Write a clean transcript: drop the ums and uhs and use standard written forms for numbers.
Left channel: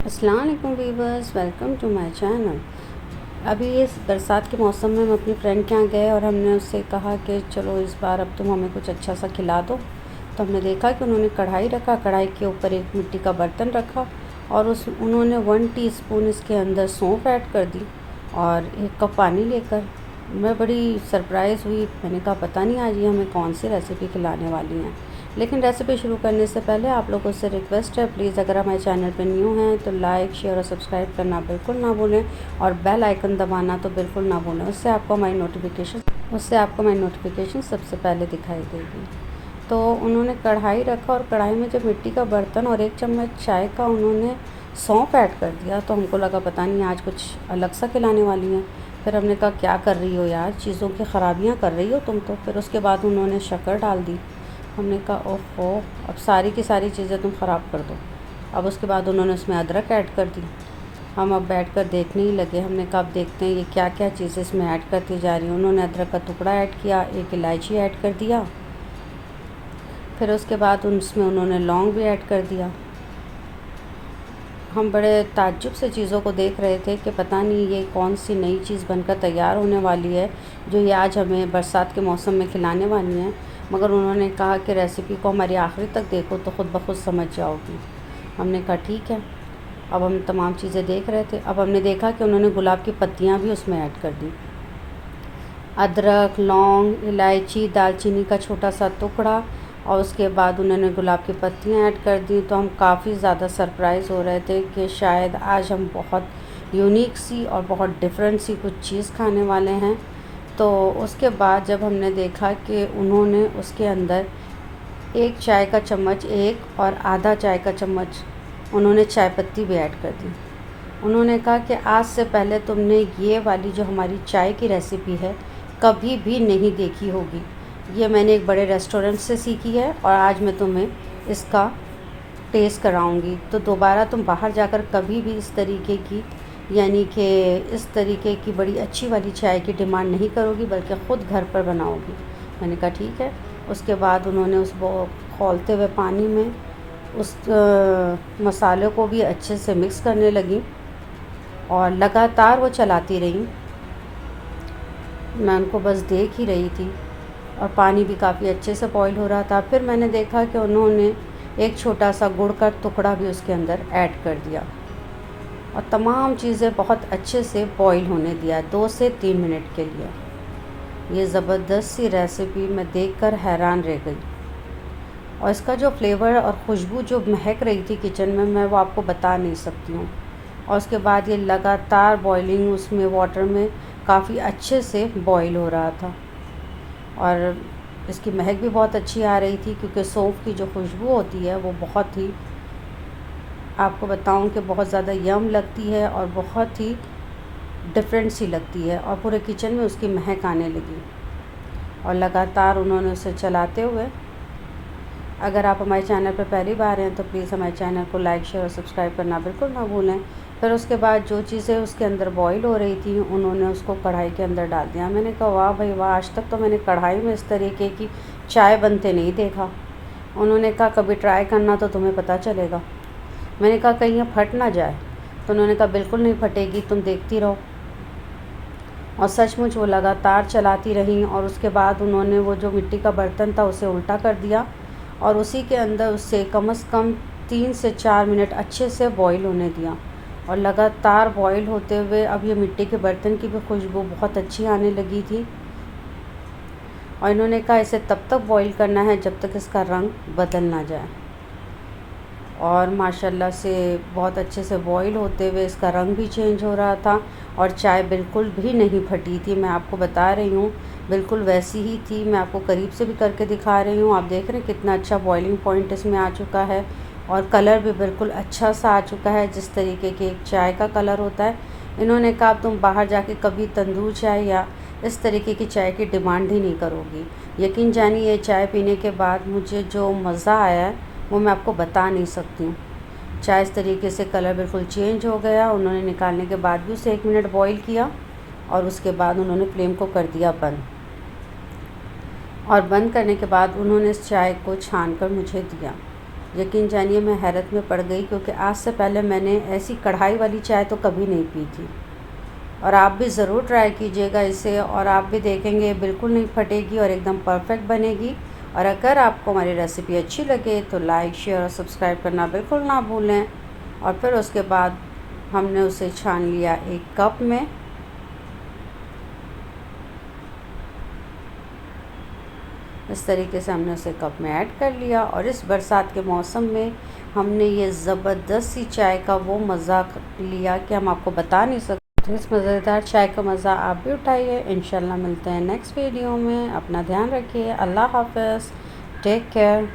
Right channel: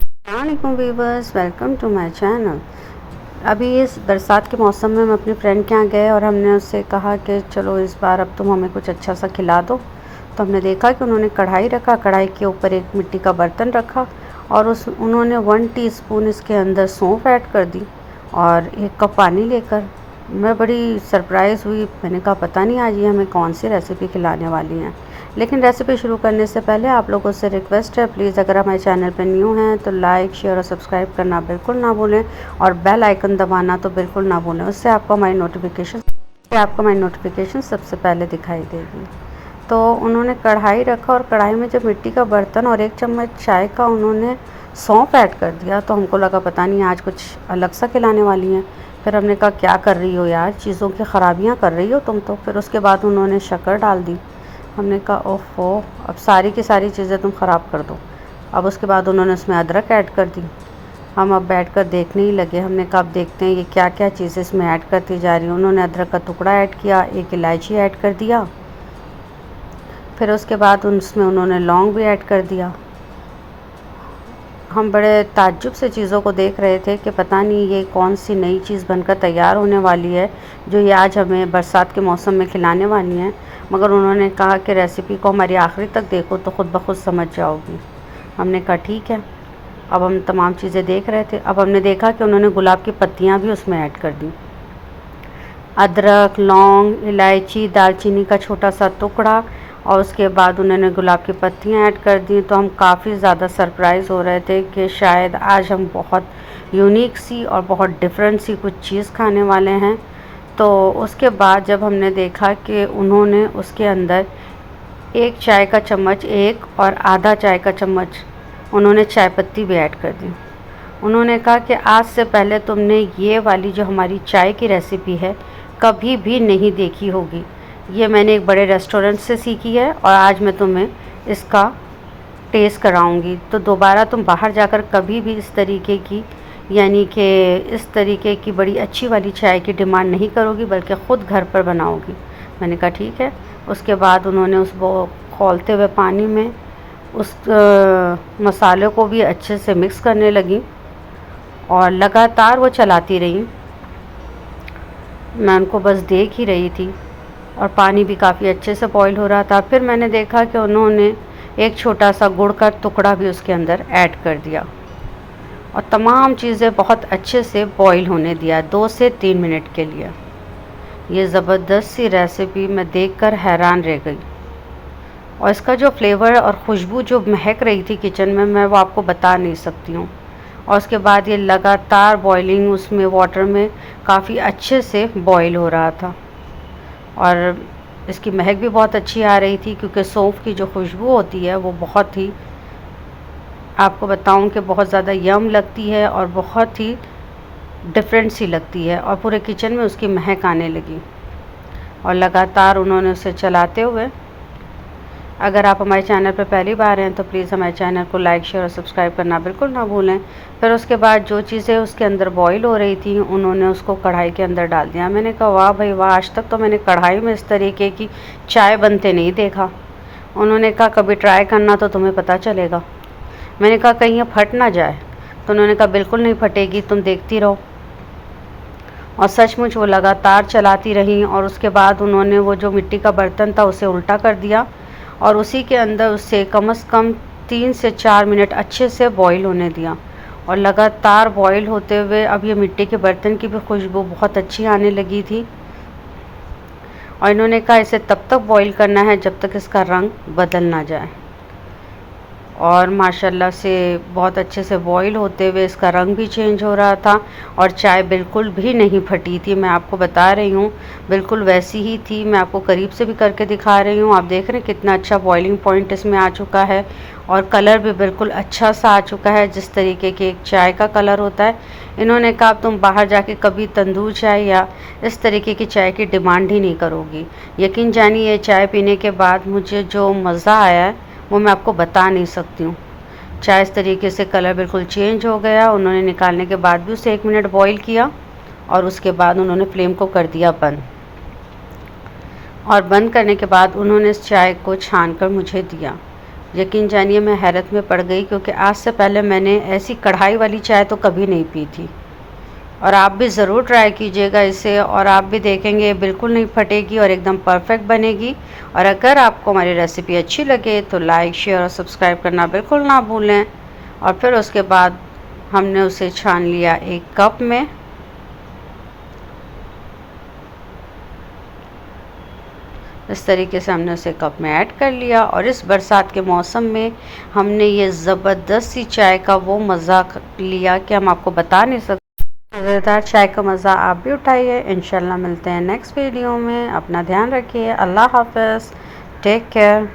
अस्सलाम वालेकुम viewers, welcome to my channel. अभी इस बरसात के मौसम में हम अपनी फ्रेंड के यहाँ गए और हमने उससे कहा कि चलो इस बार अब तुम हमें कुछ अच्छा सा खिला दो। तो हमने देखा कि उन्होंने कढ़ाई रखा, कढ़ाई के ऊपर एक मिट्टी का बर्तन रखा और उन्होंने 1 टीस्पून इसके अंदर सौंफ ऐड कर दी और 1 कप पानी लेकर। मैं बड़ी सरप्राइज़ हुई। मैंने कहा पता नहीं आज ये हमें कौन सी रेसिपी खिलाने वाली हैं। लेकिन रेसिपी शुरू करने से पहले आप लोगों से रिक्वेस्ट है, प्लीज़ अगर हमारे चैनल पर न्यू हैं तो लाइक, शेयर और सब्सक्राइब करना बिल्कुल ना भूलें और बेल आइकन दबाना तो बिल्कुल ना भूलें। उससे आपको हमारी नोटिफिकेशन सबसे पहले दिखाई देगी। तो उन्होंने कढ़ाई रखा और कढ़ाई में जब मिट्टी का बर्तन और 1 चम्मच चाय का उन्होंने सौंफ ऐड कर दिया तो हमको लगा पता नहीं आज कुछ अलग सा खिलाने वाली हैं। फिर हमने कहा क्या कर रही हो यार, चीज़ों की ख़राबियाँ कर रही हो तुम तो। फिर उसके बाद उन्होंने शक्कर डाल दी। हमने कहा ओफ़ो, अब सारी की सारी चीज़ें तुम ख़राब कर दो। अब उसके बाद उन्होंने उसमें अदरक ऐड कर दी। हम अब बैठ कर देखने ही लगे। हमने कहा अब देखते हैं ये क्या क्या चीज़ें इसमें ऐड करती जा रही हैं। उन्होंने अदरक का टुकड़ा ऐड किया, 1 इलायची ऐड कर दिया। फिर उसके बाद उसमें उन्होंने लौंग भी ऐड कर दिया। हम बड़े ताज्जुब से चीज़ों को देख रहे थे कि पता नहीं ये कौन सी नई चीज़ बनकर तैयार होने वाली है जो ये आज हमें बरसात के मौसम में खिलाने वाली हैं। मगर उन्होंने कहा कि रेसिपी को हमारी आखिरी तक देखो तो ख़ुद ब खुद समझ जाओगी। हमने कहा ठीक है। अब हम तमाम चीज़ें देख रहे थे। अब हमने देखा कि उन्होंने गुलाब की पत्तियाँ भी उसमें ऐड कर दी। अदरक, लौंग, इलायची, दालचीनी का छोटा सा टुकड़ा और उसके बाद उन्होंने गुलाब की पत्तियाँ ऐड कर दी। तो हम काफ़ी ज़्यादा सरप्राइज़ हो रहे थे कि शायद आज हम बहुत यूनिक सी और बहुत डिफरेंट सी कुछ चीज़ खाने वाले हैं। तो उसके बाद जब हमने देखा कि उन्होंने उसके अंदर 1 चाय का चम्मच, 1 और आधा चाय का चम्मच उन्होंने चाय पत्ती भी ऐड कर दी। उन्होंने कहा कि आज से पहले तुमने ये वाली जो हमारी चाय की रेसिपी है कभी भी नहीं देखी होगी। ये मैंने एक बड़े रेस्टोरेंट से सीखी है और आज मैं तुम्हें इसका टेस्ट कराऊंगी। तो दोबारा तुम बाहर जाकर कभी भी इस तरीके की इस तरीके की बड़ी अच्छी वाली चाय की डिमांड नहीं करोगी बल्कि ख़ुद घर पर बनाओगी। मैंने कहा ठीक है। उसके बाद उन्होंने उस खौलते हुए पानी में उस मसाले को भी अच्छे से मिक्स करने लगी और लगातार वो चलाती रही। मैं उनको बस देख ही रही थी और पानी भी काफ़ी अच्छे से बॉईल हो रहा था। फिर मैंने देखा कि उन्होंने एक छोटा सा गुड़ का टुकड़ा भी उसके अंदर ऐड कर दिया और तमाम चीज़ें बहुत अच्छे से बॉईल होने दिया 2 से 3 मिनट के लिए। ये ज़बरदस्त सी रेसिपी मैं देखकर हैरान रह गई और इसका जो फ्लेवर और खुशबू जो महक रही थी किचन में, मैं वो आपको बता नहीं सकती हूँ। और उसके बाद ये लगातार बॉइलिंग उसमें वाटर में काफ़ी अच्छे से बॉईल हो रहा था और इसकी महक भी बहुत अच्छी आ रही थी क्योंकि सौंफ की जो खुशबू होती है वो बहुत ही, आपको बताऊं कि बहुत ज़्यादा यम लगती है और बहुत ही डिफरेंट सी लगती है और पूरे किचन में उसकी महक आने लगी। और लगातार उन्होंने उसे चलाते हुए, अगर आप हमारे चैनल पर पहली बार हैं तो प्लीज़ हमारे चैनल को लाइक, शेयर और सब्सक्राइब करना बिल्कुल ना भूलें। फिर उसके बाद जो चीज़ें उसके अंदर बॉईल हो रही थी उन्होंने उसको कढ़ाई के अंदर डाल दिया। मैंने कहा वाह भाई वाह, आज तक तो मैंने कढ़ाई में इस तरीके की चाय बनते नहीं देखा। उन्होंने कहा कभी ट्राई करना तो तुम्हें पता चलेगा। मैंने कहा कहीं ये फट ना जाए। तो उन्होंने कहा बिल्कुल नहीं फटेगी, तुम देखती रहो। और सचमुच वो लगातार चलाती रहीं और उसके बाद उन्होंने वो जो मिट्टी का बर्तन था उसे उल्टा कर दिया और उसी के अंदर उससे कम से कम 3 से 4 मिनट अच्छे से बॉईल होने दिया। और लगातार बॉईल होते हुए अब ये मिट्टी के बर्तन की भी खुशबू बहुत अच्छी आने लगी थी। और इन्होंने कहा इसे तब तक बॉईल करना है जब तक इसका रंग बदल ना जाए। और माशाल्लाह से बहुत अच्छे से बॉईल होते हुए इसका रंग भी चेंज हो रहा था और चाय बिल्कुल भी नहीं फटी थी। मैं आपको बता रही हूँ बिल्कुल वैसी ही थी। मैं आपको करीब से भी करके दिखा रही हूँ। आप देख रहे हैं कितना अच्छा बॉइलिंग पॉइंट इसमें आ चुका है और कलर भी बिल्कुल अच्छा सा आ चुका है जिस तरीके के एक चाय का कलर होता है। इन्होंने कहा तुम बाहर जाके कभी तंदूर चाय या इस तरीके की चाय की डिमांड ही नहीं करोगी। यकीन जानिए ये चाय पीने के बाद मुझे जो मज़ा आया है वो मैं आपको बता नहीं सकती हूँ। चाय इस तरीके से कलर बिल्कुल चेंज हो गया। उन्होंने निकालने के बाद भी उसे 1 मिनट बॉईल किया और उसके बाद उन्होंने फ्लेम को कर दिया बंद। और बंद करने के बाद उन्होंने इस चाय को छान कर मुझे दिया। यकीन जानिए मैं हैरत में पड़ गई, क्योंकि आज से पहले मैंने ऐसी कढ़ाई वाली चाय तो कभी नहीं पी थी। और आप भी ज़रूर ट्राई कीजिएगा इसे, और आप भी देखेंगे बिल्कुल नहीं फटेगी और एकदम परफेक्ट बनेगी। और अगर आपको हमारी रेसिपी अच्छी लगे तो लाइक, शेयर और सब्सक्राइब करना बिल्कुल ना भूलें। और फिर उसके बाद हमने उसे छान लिया एक कप में। इस तरीके से हमने उसे कप में ऐड कर लिया, और इस बरसात के मौसम में हमने ये ज़बरदस्त सी चाय का वो मज़ा लिया कि हम आपको बता नहीं सकते। इस मज़ेदार चाय का मज़ा आप भी उठाइए। इंशाल्लाह मिलते हैं नेक्स्ट वीडियो में। अपना ध्यान रखिए। अल्लाह हाफ़िज़। Take care.